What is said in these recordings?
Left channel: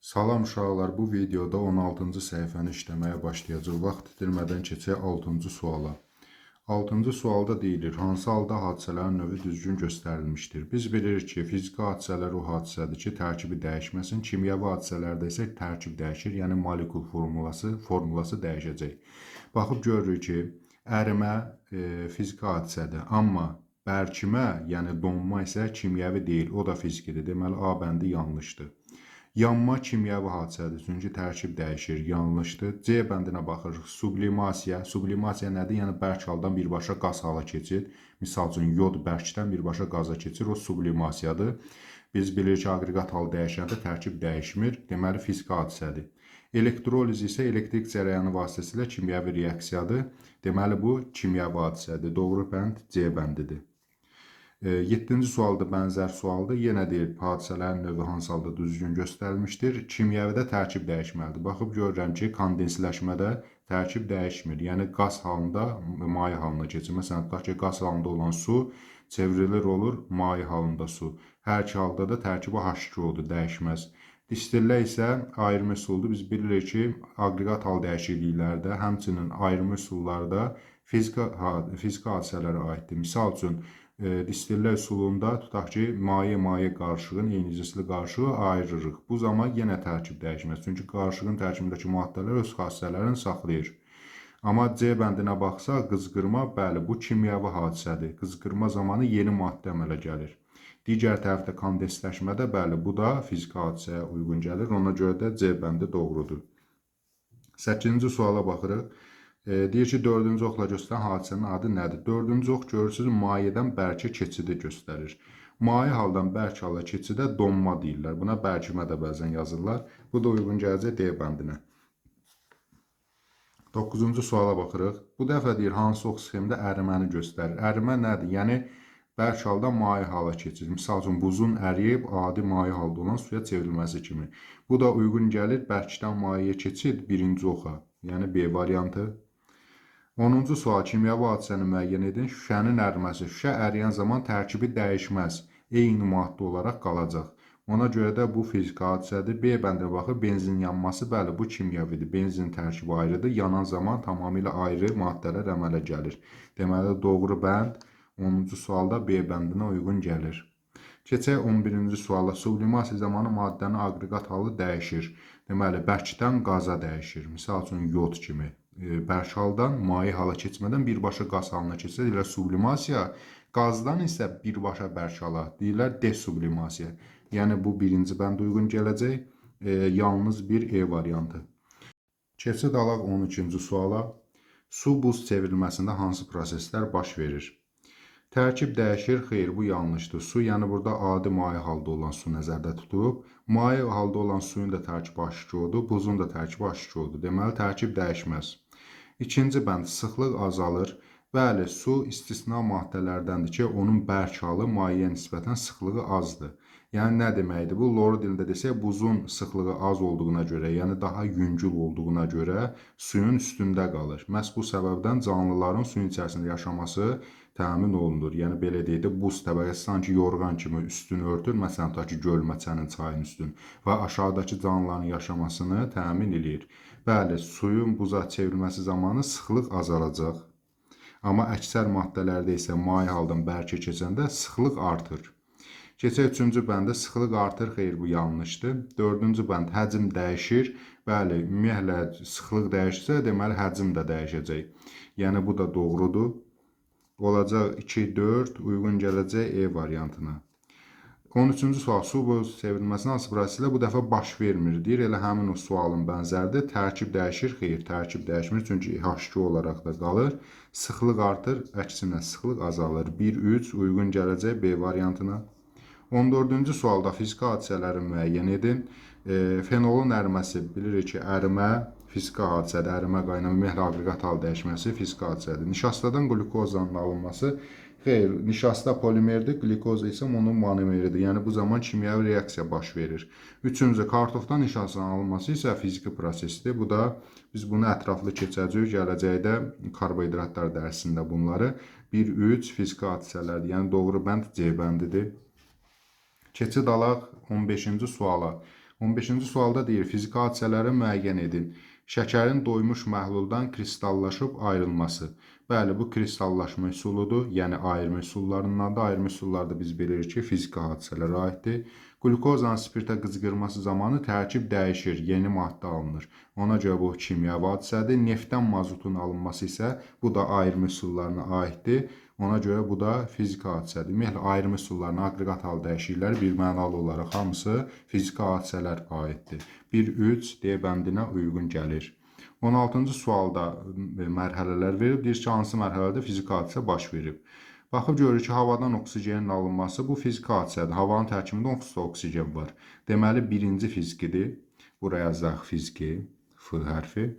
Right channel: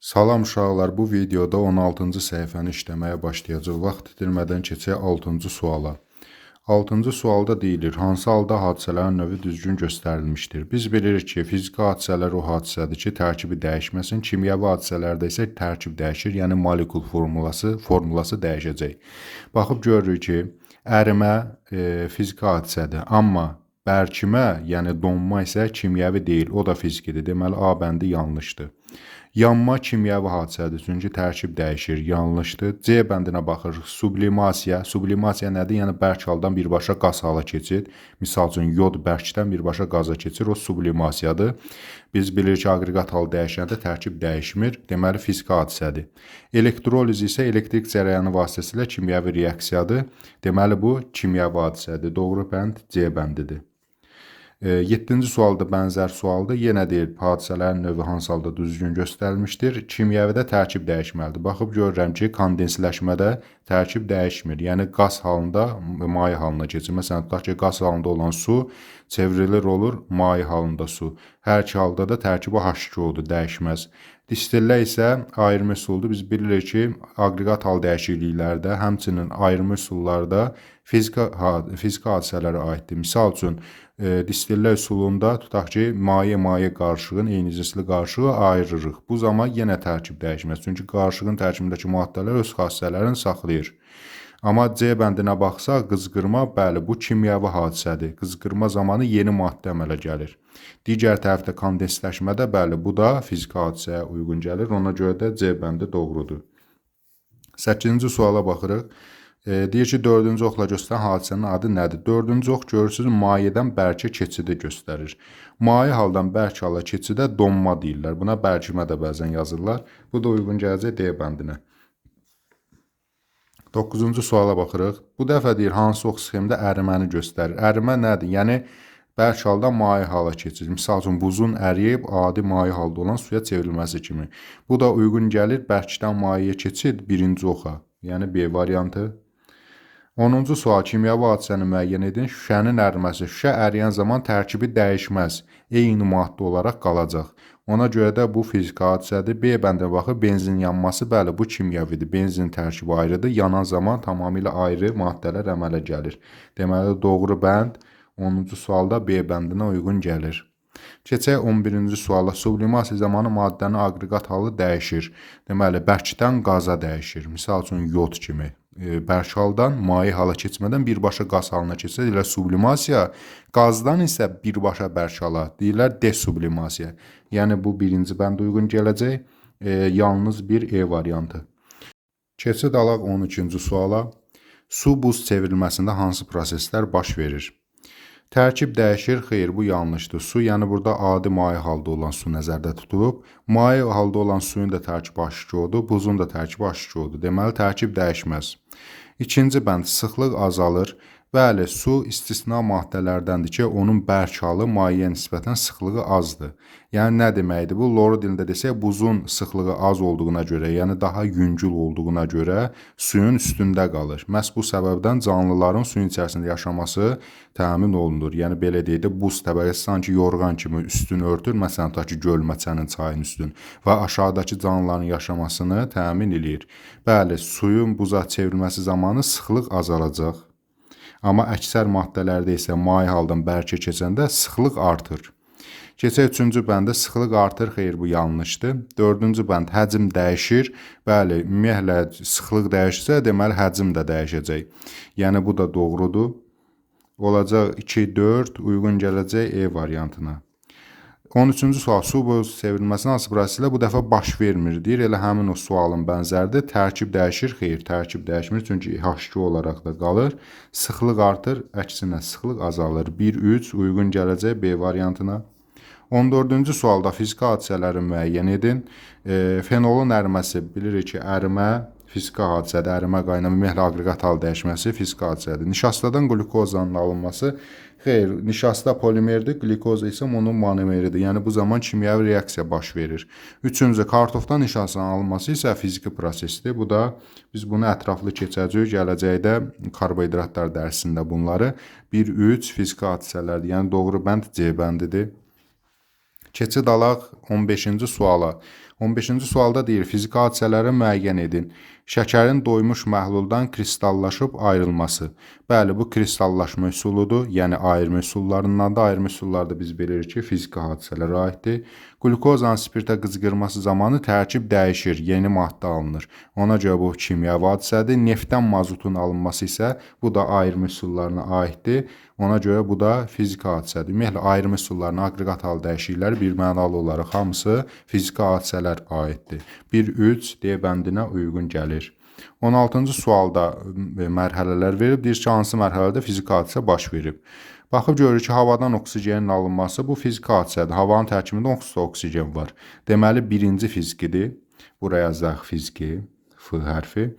Salam uşaqlar, bu videoda 16-cı səhifəni işləməyə başlayacaq. Vaxt itirmədən keçək 6-cı suala. 6-cı sualda deyilir, hansı halda hadisələrin növü düzgün göstərilmişdir? Biz bilirik ki, fiziki hadisələr o hadisədir ki, tərkibi dəyişməsin. Kimyəvi hadisələrdə isə tərkib dəyişir, yəni molekul formulası dəyişəcək. Baxıb görürük ki, ərimə fiziki hadisədir, amma bərkimə, yəni donma isə kimyəvi deyil, o da fizikidir. Deməli, A bəndi yanlışdır. Yanma kimyəvi hadisədir, çünki tərkib dəyişir, yanlışdır. C bəndinə baxırıq, sublimasiya. Sublimasiya nədir? Yəni, bərk haldan birbaşa qaz hala keçir. Misal üçün, yod bərkdən birbaşa qaza keçir, o sublimasiyadır. Biz bilirik ki, aqreqat halı dəyişəndə tərkib dəyişmir, deməli, fiziki hadisədir. Elektroliz isə elektrik cərəyanı vasitəsilə kimyəvi reaksiyadır. Deməli, bu kimyəvi hadisədir. Doğru bənd C bəndidir. 7-ci sualda bənzər sualdır. Yenə deyir, hadisələrin növü hansı halda düzgün göstərilmişdir. Kimyəvidə tərkib dəyişməlidir. Baxıb görürəm ki, kondensləşmədə tərkib dəyişmir. Yəni, qaz halında maye halına keçir. Məsələn, tutaq ki, qaz halında olan su çevrilir olur maye halında su. Hər iki halda da tərkibi H2O-dur, dəyişməz. Distillə isə ayrımı üsuldur. Biz bilirik ki, aqreqat hal dəyişikliklərdə, həmçinin ayrımı üsullarda fiziki hadisələrə aiddir. Misal üçün, distillə üsulunda tutaq ki, maye qarışığın eyni cinsli qarışığı ayırırıq. Bu zaman yenə tərkib dəyişməz. Çünki qarışığın tərkibindəki maddələr öz xassələrini saxlayır. Amma C bəndinə baxsaq, qızqırma, bəli, bu kimyəvi hadisədir. Qızqırma zamanı yeni maddə əmələ gəlir. Digər tərəfdə kondensləşmədə, bəli, bu da fiziki hadisəyə uyğun gəlir. Ona görə də C bəndi doğrudur. 8-ci suala baxırıq. Deyir ki, 4-cü oxla göstərən hadisənin adı nədir? 4-cü ox görürsünüz, mayədən bərkə keçidi göstərir. Maye haldan bərk hala keçidə donma deyirlər. Buna bərkimə də bəzən yazırlar. Bu da uyğun gələcək D bəndinə. 9-cu suala baxırıq. Bu dəfə deyir, hansı ox sxemdə əriməni göstərir? Ərimə nədir? Yəni, bərk haldan maye hala keçir. Misal üçün, buzun əriyib adi maye halda olan suya çevrilməsi kimi. Bu da uyğun gəlir bərkdən mayəyə keçid birinci oxa. Yəni, B variantı. 10-cu sual, kimyəvi hadisəni müəyyən edin. Şüşənin əriməsi. Şüşə əriyən zaman tərkibi dəyişməz. Eyni maddə olaraq qalacaq. Ona görə də bu fiziki hadisədir. B bəndinə baxıb, benzin yanması, bəli, bu kimyəvidir. Benzin tərkibi ayrıdır. Yanan zaman tamamilə ayrı maddələr əmələ gəlir. Deməli, doğru bənd 10-cu sualda B bəndinə uyğun gəlir. Keçək 11-ci suala. Sublimasiya zamanı maddənin aqreqat halı dəyişir. Deməli, bərkdən qaza dəyişir. Misal üçün, yod kimi. Bərk haldan maye hala keçmədən birbaşa qaz halına keçir. Deyirlər sublimasiya, qazdan isə birbaşa bərk hala deyirlər desublimasiya. Yəni, bu birinci bənd uyğun gələcək. Yalnız bir E variantı. Keçid alaq 13-cü suala. Su buz çevrilməsində hansı proseslər baş verir? Tərkib dəyişir, xeyr, bu yanlışdır. Su, yəni burada adi maye halda olan su nəzərdə tutulub. Maye halda olan suyun da tərkibi H2O-dur, buzun da tərkibi H2O-dur. Deməli, tərkib dəyişməz. İkinci bənd, sıxlıq azalır. Bəli, su istisna maddələrdəndir ki, onun bərk halı mayeyə nisbətən sıxlığı azdır. Yəni, nə deməkdir? Bu, loru dilində desək, buzun sıxlığı az olduğuna görə, yəni daha yüngül olduğuna görə suyun üstündə qalır. Məhz bu səbəbdən canlıların suyun içərisində yaşaması təmin olunur. Yəni, belə deyək də, buz təbəqəsi sanki yorğan kimi üstünü örtür, məsələn, tutaq ki, gölməçənin, çayın üstün və aşağıdakı canlıların yaşamasını təmin edir. Bəli, suyun buza çevrilməsi zamanı sıxlıq azalacaq. Amma əksər maddələrdə isə maye haldan bərkə keçəndə sıxlıq artır. Keçək 3-cü bəndə, sıxlıq artır, xeyr, bu yanlışdır. 4-cü bənd, həcm dəyişir. Bəli, ümumiyyətlə sıxlıq dəyişsə, deməli həcm də dəyişəcək. Yəni, bu da doğrudur. Olacaq 2-4, uyğun gələcək E variantına. 13-cü sual, su buz çevrilməsinin hansı proseslə bu dəfə baş vermir, deyir. Elə həmin o sualın bənzəridir. Tərkib dəyişir, xeyr, tərkib dəyişmir, çünki H2 olaraq da qalır. Sıxlıq artır, əksinə sıxlıq azalır. 1-3, uyğun gələcək B variantına. 14-cü sualda fiziki hadisələri müəyyən edin. Fenolun əriməsi, bilirik ki, ərimə fiziki hadisədir. Ərimə qaynama, ümumiyyətlə aqreqat hal dəyişməsi fiziki hadisədir. Nişastadan qlukozanın alınması, xeyr, nişasta polimerdir, glikoz isə onun monomeridir. Yəni, bu zaman kimyəvi reaksiya baş verir. 3-cü, kartofdan nişastanın alınması isə fiziki prosesdir. Bu da, biz bunu ətraflı keçəcəyik, gələcəkdə karbohidratlar dərsində bunları. 1-3 fiziki hadisələrdir. Yəni, doğru bənd C bəndidir. Keçid alaq 15-ci suala. 15-ci sualda deyir, fiziki hadisələri müəyyən edin. Şəkərin doymuş məhluldan kristallaşıb ayrılması. Bəli, bu kristallaşma üsuludur. Yəni ayırma üsullarından da, ayırma üsullarda biz bilirik ki, fiziki hadisələrə aiddir. Glukozanın spirtə qızqırması zamanı tərkib dəyişir, yeni maddə alınır. Ona görə bu kimyəvi hadisədir. Neftdən mazotun alınması isə bu da ayırma üsullarına aiddir. Ona görə bu da fiziki hadisədir. Ümumiyyətlə, ayırma üsullarına, aqreqat hal dəyişiklikləri bir mənalı olaraq hamısı fiziki hadisələr aiddir. 1-3 D bəndinə uyğun gəlir. 16-cı sualda mərhələlər verib, deyir ki, hansı mərhələdə fiziki hadisə baş verib. Baxıb görürük ki, havadan oksigenin alınması bu fiziki hadisədir. Havanın tərkibində oksigen var. Deməli, birinci fizikidir. Buraya yazaq fiziki, F hərfi.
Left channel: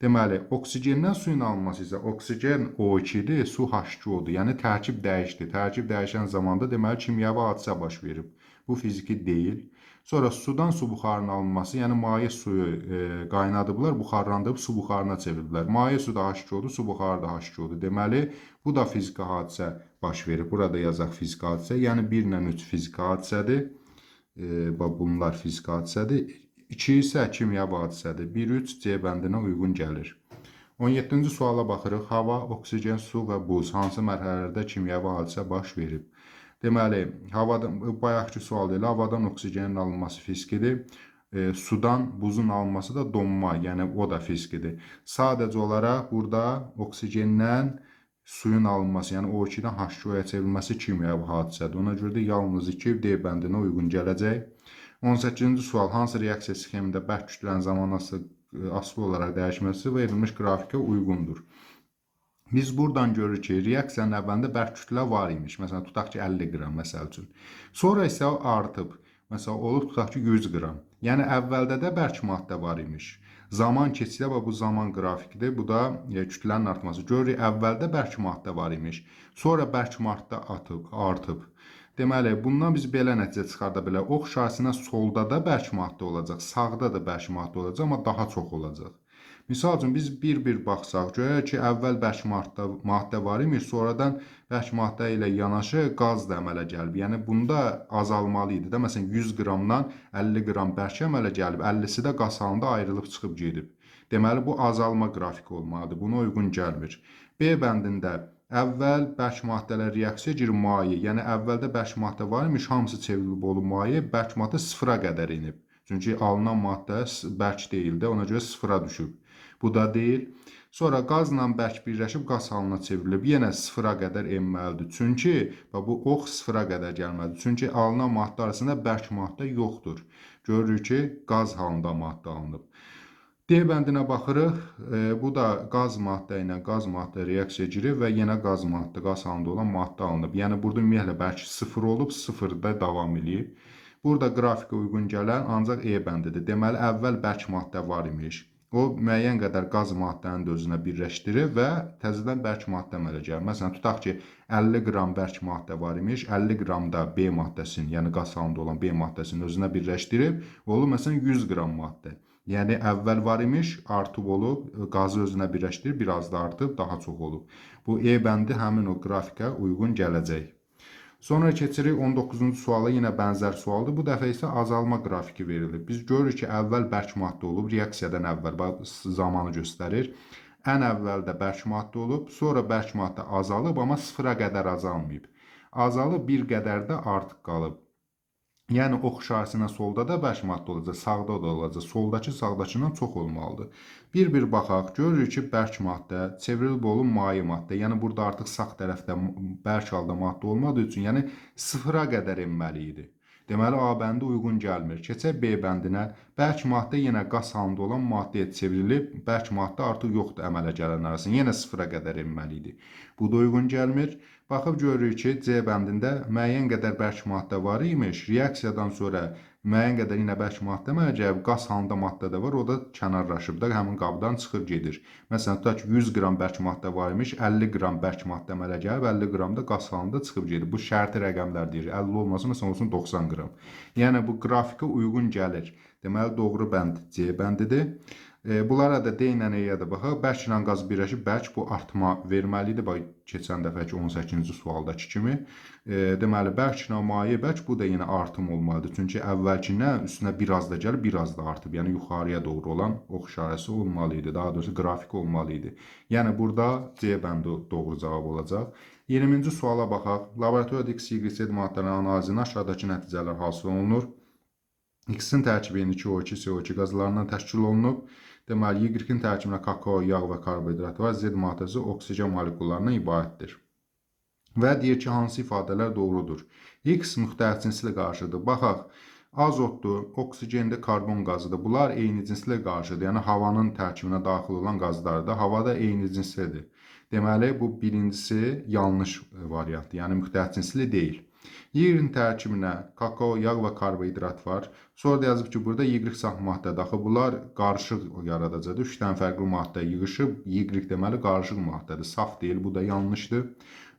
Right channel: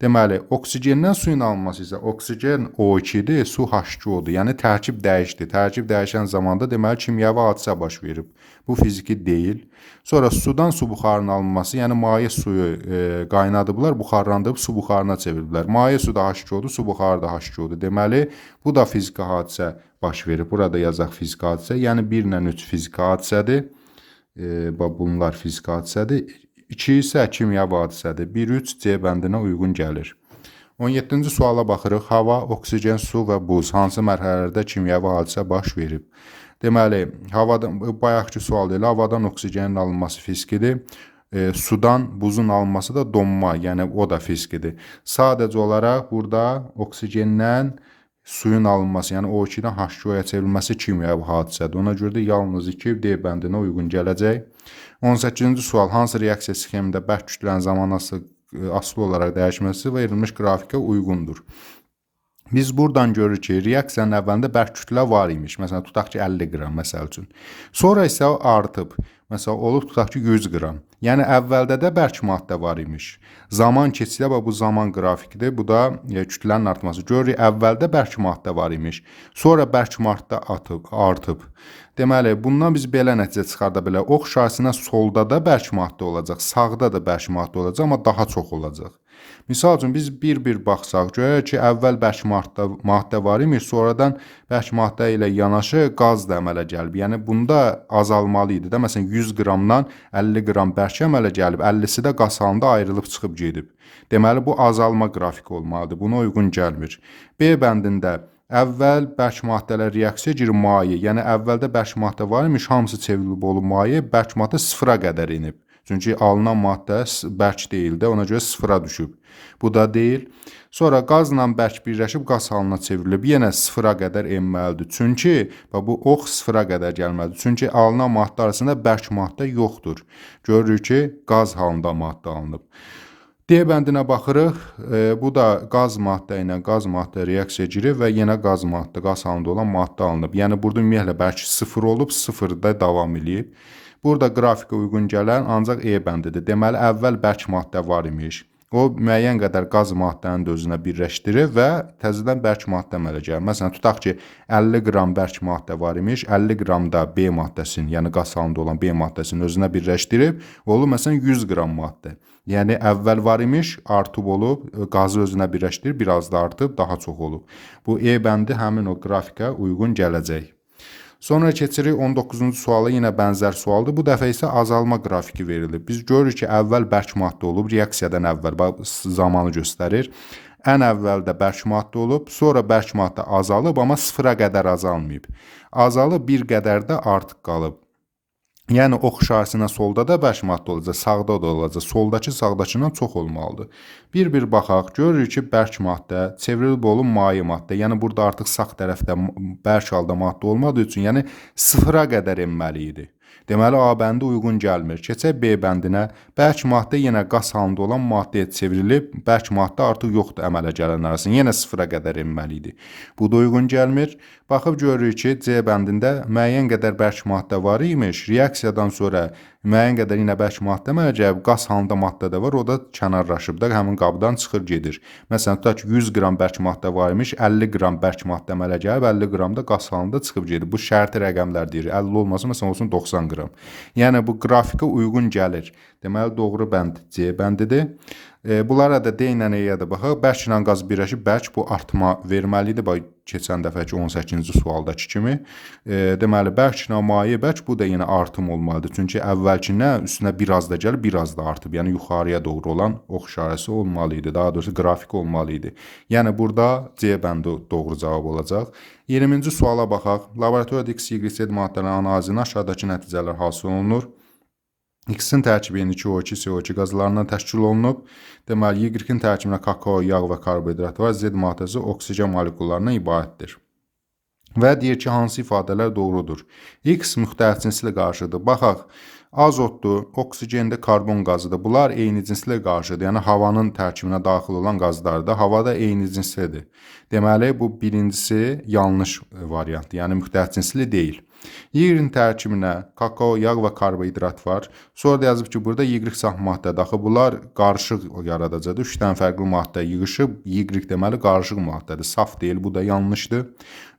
Deməli, oksigendən suyun alınması isə oksigen O2-dir, su H2O-dur. Yəni tərkib dəyişdi. Tərkib dəyişən zamanda deməli kimyəvi hadisə baş verib. Bu fiziki deyil. Sonra sudan su buxarının alınması, yəni maye suyu qaynadıblar, buxarlandırıb su buxarına çevirdilər. Maye su da H2O-dur, su buxarı da H2O-dur. Deməli, bu da fiziki hadisə baş verib. Burada yazaq fiziki hadisə. Yəni 1 ilə 3 fiziki hadisədir. Bunlar fiziki hadisədir. 2 isə kimyəvi hadisədir. 1-3 C bəndinə uyğun gəlir. 17-ci suala baxırıq. Hava, oksigen, su və buz hansı mərhələlərdə kimyəvi hadisə baş verib? Deməli, bayaqki sual ilə havadan oksigenin alınması fizikidir. Sudan buzun alınması da donma, yəni o da fizikidir. Sadəcə olaraq burada oksigendən suyun alınması, yəni O2-dən H2O-ya çevrilməsi kimyəvi hadisədir. Ona görə də yalnız 2 D bəndinə uyğun gələcək. 18-ci sual, hansı reaksiya sxemində bərk kütlənin zamanı asılı olaraq dəyişməsi verilmiş qrafikə uyğundur? Biz buradan görürük ki, reaksiyanın əvvəlində bərk kütlə var imiş. Məsələn, tutaq ki, 50 qram, məsəl üçün. Sonra isə artıb. Məsələn, olub tutaq ki, 100 qram. Yəni, əvvəldə də bərk maddə var imiş. Zaman keçsə, bu zaman qrafikidir. Bu da kütlənin artması. Görürük, əvvəldə bərk maddə var imiş. Sonra bərk maddə artıb. Deməli, bundan biz belə nəticə çıxarda bilərik. Ox şahısına solda da bərk maddə olacaq, sağda da bərk maddə olacaq, amma daha çox olacaq. Misal üçün, biz bir-bir baxsaq, görək ki, əvvəl bərk maddə var imiş, sonradan bərk maddə ilə yanaşı qaz da əmələ gəlib. Yəni, bunda azalmalı idi. Məsələn, 100 qramdan 50 qram bərk əmələ gəlib, 50-si də qaz halında ayrılıb çıxıb gedib. Deməli, bu azalma qrafiki olmalıdır. Buna uyğun gəlmir. B bəndində əvvəl bərk maddələr reaksiya girir maye. Yəni, əvvəldə bərk maddə var imiş, hamısı çevrilib olub maye, bərk maddə sıfıra qədər inib. Çünki alınan maddə bərk deyildi, ona görə sıfıra düşüb. Bu da deyil. Sonra qazla bərk birləşib qaz halına çevrilib. Yenə sıfıra qədər enməlidir. Çünki bu ox sıfıra qədər gəlməlidir. Çünki alınan maddə arasında bərk maddə yoxdur. Görürük ki, qaz halında maddə alınıb. D bəndinə baxırıq. Bu da qaz maddə ilə qaz maddə reaksiya girir və yenə qaz halında olan maddə alınıb. Yəni, burada ümumiyyətlə bərk sıfır olub, sıfırda davam edib. Burada qrafikə uyğun gələn ancaq E bəndidir. Deməli, əvvəl bərk maddə var imiş. O, müəyyən qədər qaz maddəni də özünə birləşdirir və təzədən bərk maddə əmələ gəlir. Məsələn, tutaq ki, 50 qram bərk maddə var imiş, 50 qram da B maddəsinin, yəni qaz halında olan B maddəsinin özünə birləşdirib, olur, məsələn, 100 qram maddə. Yəni, əvvəl var imiş, artıb olub, qazı özünə birləşdirib, biraz da artıb, daha çox olub. Bu E bəndi həmin o qrafikə uyğun gələcək. Sonra keçirik 19-cu suala, yenə bənzər sualdır. Bu dəfə isə azalma qrafiki verilib. Biz görürük ki, əvvəl bərk maddə olub, reaksiyadan əvvəl zamanı göstərir. Ən əvvəldə bərk maddə olub, sonra bərk maddə azalıb, amma sıfıra qədər azalmayıb. Azalıb, bir qədər də artıq qalıb. Yəni, ox şahısına solda da bərk maddə olacaq, sağda da olacaq. Soldakı sağdakından çox olmalıdır. Bir-bir baxaq, görürük ki, bərk maddə çevrilib olub maye maddə. Yəni, burada artıq sağ tərəfdə bərk halda maddə olmadığı üçün, yəni sıfıra qədər enməli idi. Deməli, A bəndi uyğun gəlmir. Keçək B bəndinə. Bərk maddə yenə qaz halında olan maddəyə çevrilib, bərk maddə artıq yoxdur əmələ gələn arasında. Yenə sıfıra qədər enməli idi. Bu da uyğun gəlmir. Baxıb görürük ki, C bəndində müəyyən qədər bərk maddə var imiş. Reaksiyadan sonra müəyyən qədər yenə bərk maddə əmələ gəlib, qaz halında maddə də var, o da kənarlaşıb da həmin qabdan çıxır gedir. Məsələn, tutaq ki, 100 qram bərk maddə var imiş, 50 qram bərk maddə əmələ gəlib, 50 qram da qaz halında çıxıb gedir. Bu şərti rəqəmlər deyir. 50 olmasa, məsələn, olsun 90 qram. Yəni, bu qrafikə uyğun gəlir. Deməli, doğru bənd C bəndidir. Bunlara da D ilə E-yə də baxaq. Bərk ilə qaz birləşib, bərk bu artma verməlidir. Bax, keçən dəfəki 18-ci sualdakı kimi. Deməli, bərk ilə maye bərk, bu da yenə artım olmalıdır. Çünki əvvəlkindən üstünə biraz da gəlib, biraz da artıb. Yəni, yuxarıya doğru olan ox işarəsi olmalı idi. Daha doğrusu, qrafik olmalı idi. Yəni, burada C bəndi doğru cavab olacaq. 20-ci suala baxaq. Laboratoriyada X, Y, Z maddələrin analizinin aşağıdakı nəticələr hasil olunur. X-in tərkibi N2O2, CO2 qazlarından təşkil olunub. Deməli, Y-in tərkibində kakao, yağ və karbohidrat var. Z maddəsi oksigen molekullarından ibarətdir. Və deyir ki, hansı ifadələr doğrudur? X müxtəlif cinslə qarşıdır. Baxaq, azotdur, oksigendir, karbon qazıdır. Bunlar eyni cinslə qarşıdır. Yəni, havanın tərkibinə daxil olan qazlardır. Havada eyni cinslidir. Deməli, bu birincisi yanlış variantdır. Yəni, müxtəlif cinsli deyil. Y-in tərkibinə kakao, yağ və karbohidrat var. Sonra da yazıb ki, burada Y saf maddədir. Axı, bunlar qarışıq yaradacaqdır. 3 dənə fərqli maddə yığışıb, Y deməli qarışıq maddədir. Saf deyil, bu da yanlışdır.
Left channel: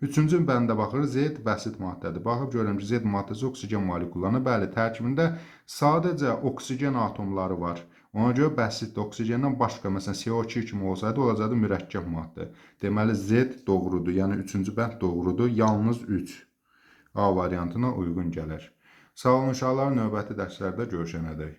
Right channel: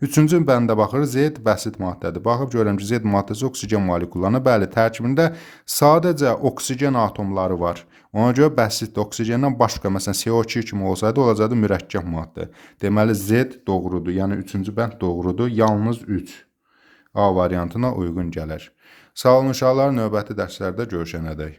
Üçüncü bəndə baxırıq, Z bəsit maddədir. Baxıb görürəm ki, Z maddəsi oksigen molekullarına, bəli, tərkibində sadəcə oksigen atomları var. Ona görə bəsitdir. Oksigendən başqa, məsələn, CO2 kimi olsaydı, olacaqdı mürəkkəb maddə. Deməli, Z doğrudur. Yəni, üçüncü bənd doğrudur. Yalnız 3 A variantına uyğun gəlir. Sağ olun uşaqlar, növbəti dərslərdə görüşənədək.